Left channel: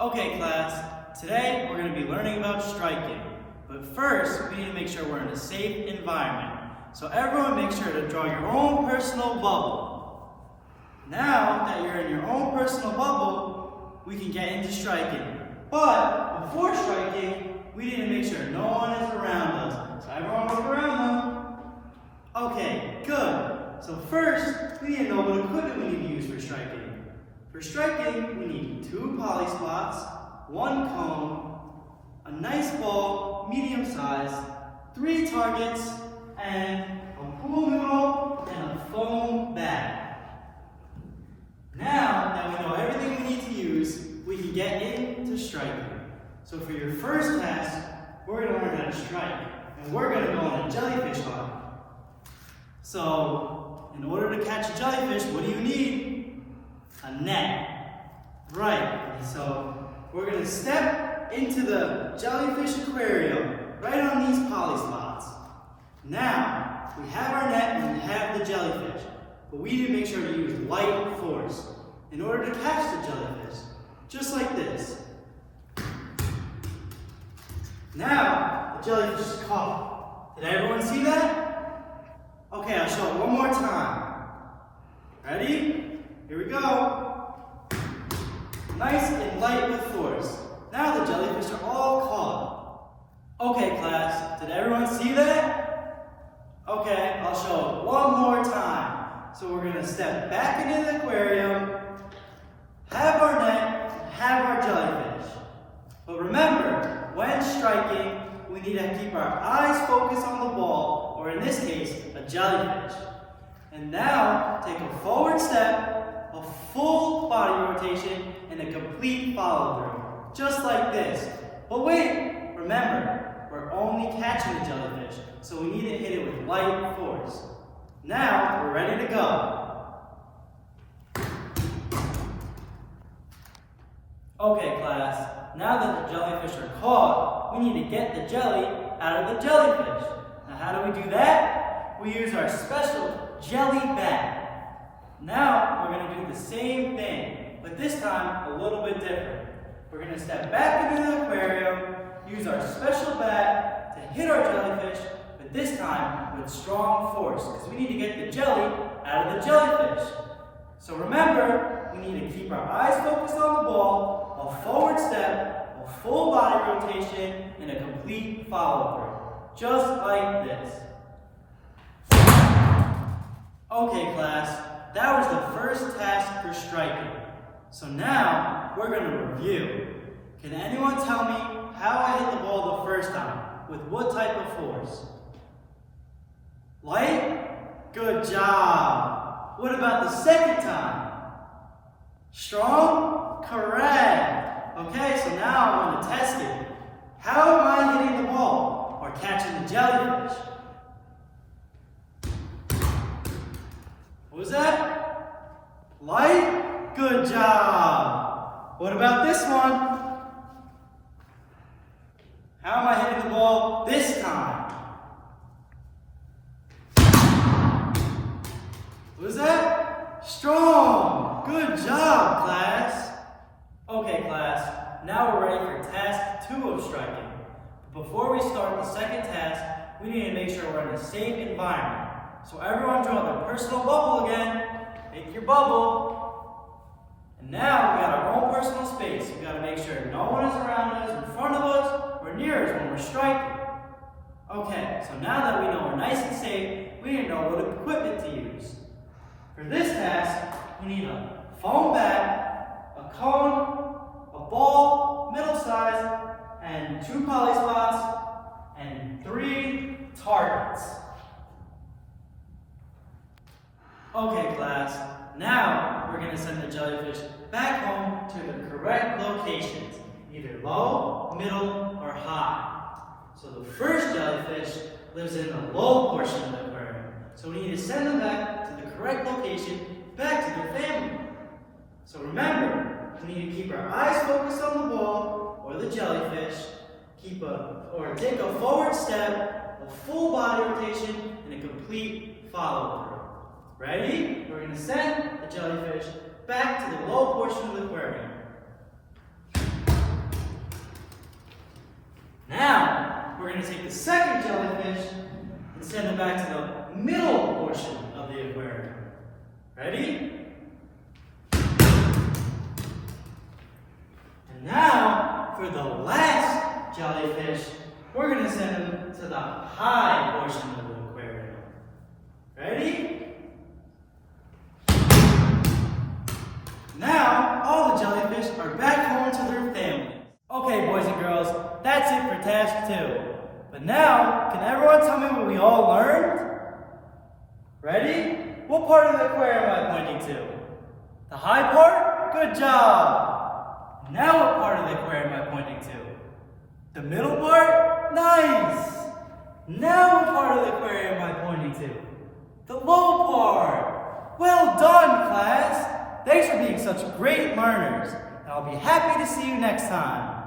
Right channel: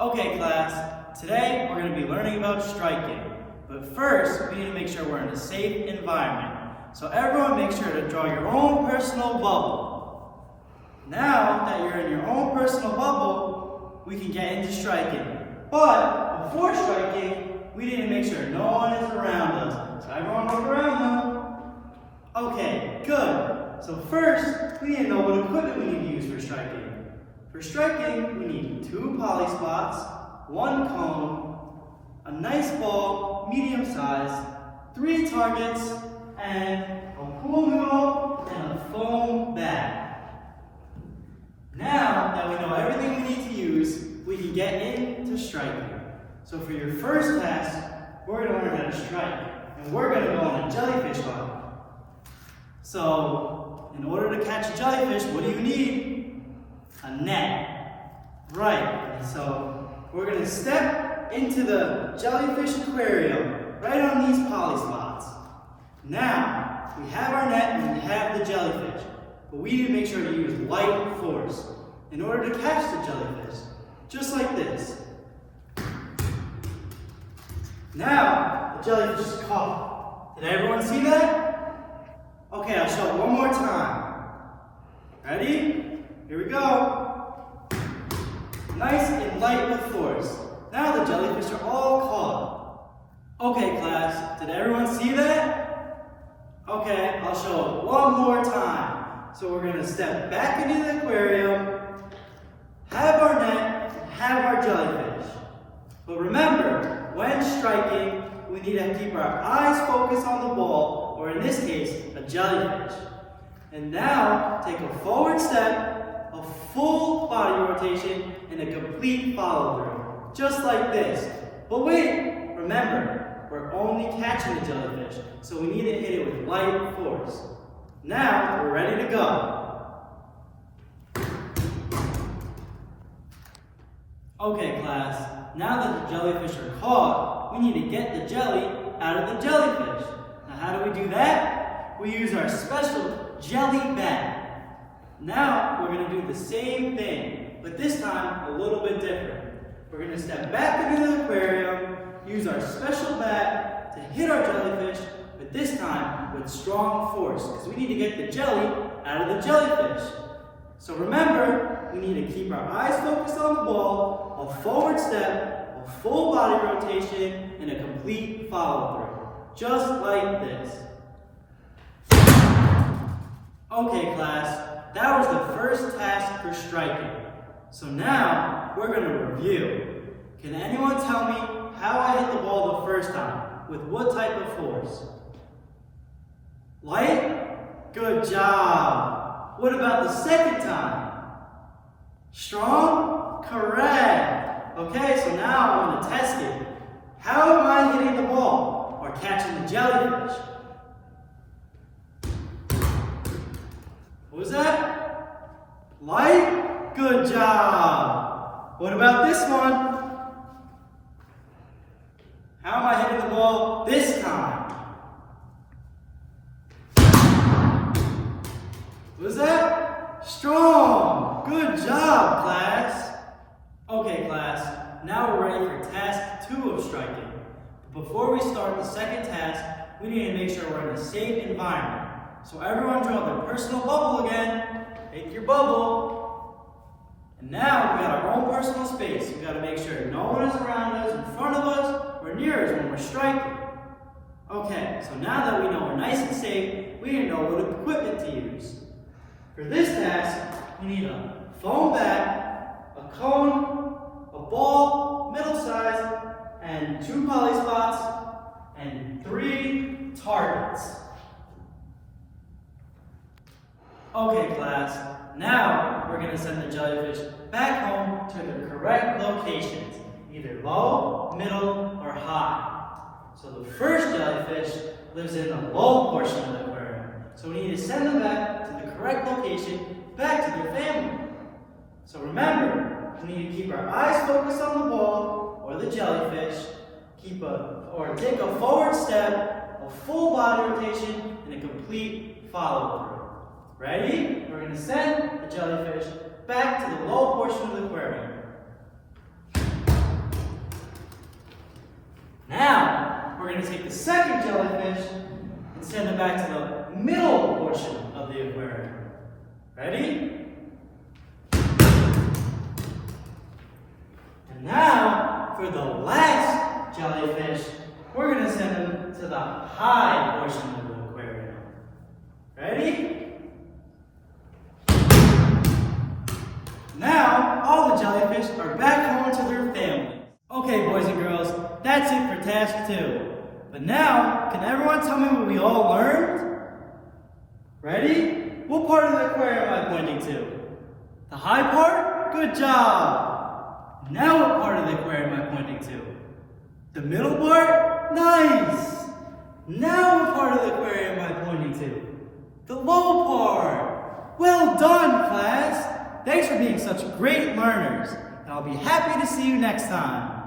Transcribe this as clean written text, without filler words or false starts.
Okay class, today we're going to be learning about striking. But first, we need to make sure we're in a safe environment. So everyone make sure to draw your own personal bubble. Now that you're in your own personal bubble, we can get into striking. But before striking, we need to make sure no one is around us. So everyone look around them. Okay, good. So first, we need to know what equipment we need to use for striking. For striking, we need 2 poly spots, 1 cone, a nice ball, medium size, 3 targets, and a pool noodle and a foam bat. Now that we know everything we need to use, we can get into striking. So for your first task, we're going to learn how to strike, and we're going to go on a jellyfish hunt. So in order to catch a jellyfish, what do you need? A net. Right, so we're going to step into the jellyfish aquarium right on these poly spots. Now, we have our net and we have the jellyfish, but we need to make sure to use light force in order to catch the jellyfish, just like this. Now, the jellyfish is caught. Did everyone see that? Okay, I'll show it one more time. Ready? Here we go. Nice and light with force. Now the jellyfish are all caught. Okay, class, did everyone see that? Okay, I'll show it one more time. So we're going to step back into the aquarium, have our net, and have our jellyfish. But remember, when striking, we need to keep our eyes focused on the ball, or in this case, a jellyfish. And now, take a forward step, a full body rotation, and a complete follow-through, just like this. But wait, remember, we're only catching the jellyfish, so we need to hit it with light force. Now, we're ready to go. Okay, class, now that the jellyfish are caught, we need to get the jelly out of the jellyfish. Now, how do we do that? We use our special jelly bat. Now, we're going to do the same thing, but this time a little bit different. We're going to step back into the aquarium, use our special bat to hit our jellyfish, but this time with strong force, because we need to get the jelly out of the jellyfish. So remember, we need to keep our eyes focused on the ball, a forward step, a full body rotation, and a complete follow-through, just like this. Okay, class. That was the first task for striking. So now, we're going to review. Can anyone tell me how I hit the ball the first time? With what type of force? Light? Good job. What about the second time? Strong? Correct. Okay, so now I'm going to test it. How am I hitting the ball or catching the jellyfish? What was that? Light? Good job. What about this one? How am I hitting the ball this time? What was that? Strong. Good job, class. Okay, class. Now we're ready for task 2 of striking. But before we start the second task, we need to make sure we're in a safe environment. So everyone draw their personal bubble again. Take your bubble. And now we got our own personal space. We got to make sure no one is around us, in front of us, or near us when we're striking. Okay, so now that we know we're nice and safe, we need to know what equipment to use. For this task, we need a foam bat, a cone, a ball, middle size, and 2 poly spots, and 3 targets. Okay, class, now we're going to send the jellyfish back home to the correct locations, either low, middle, or high. So the first jellyfish lives in the low portion of the aquarium, so we need to send them back to the correct location, back to their family. So remember, we need to keep our eyes focused on the ball, or the jellyfish, take a forward step, a full body rotation, and a complete follow-through. Ready? We're going to send the jellyfish back to the low portion of the aquarium. going to take the second jellyfish and send it back to the middle portion of the aquarium. Ready? And now, for the last jellyfish, we're going to send them to the high portion of the aquarium. Ready? Now, all the jellyfish are back home to their families. Okay, boys and girls, that's it for task 2. But now, can everyone tell me what we all learned? Ready? What part of the aquarium am I pointing to? The high part? Good job! Now what part of the aquarium am I pointing to? The middle part? Nice! Now what part of the aquarium am I pointing to? The low part! Well done, class! Thanks for being such great learners. I'll be happy to see you next time.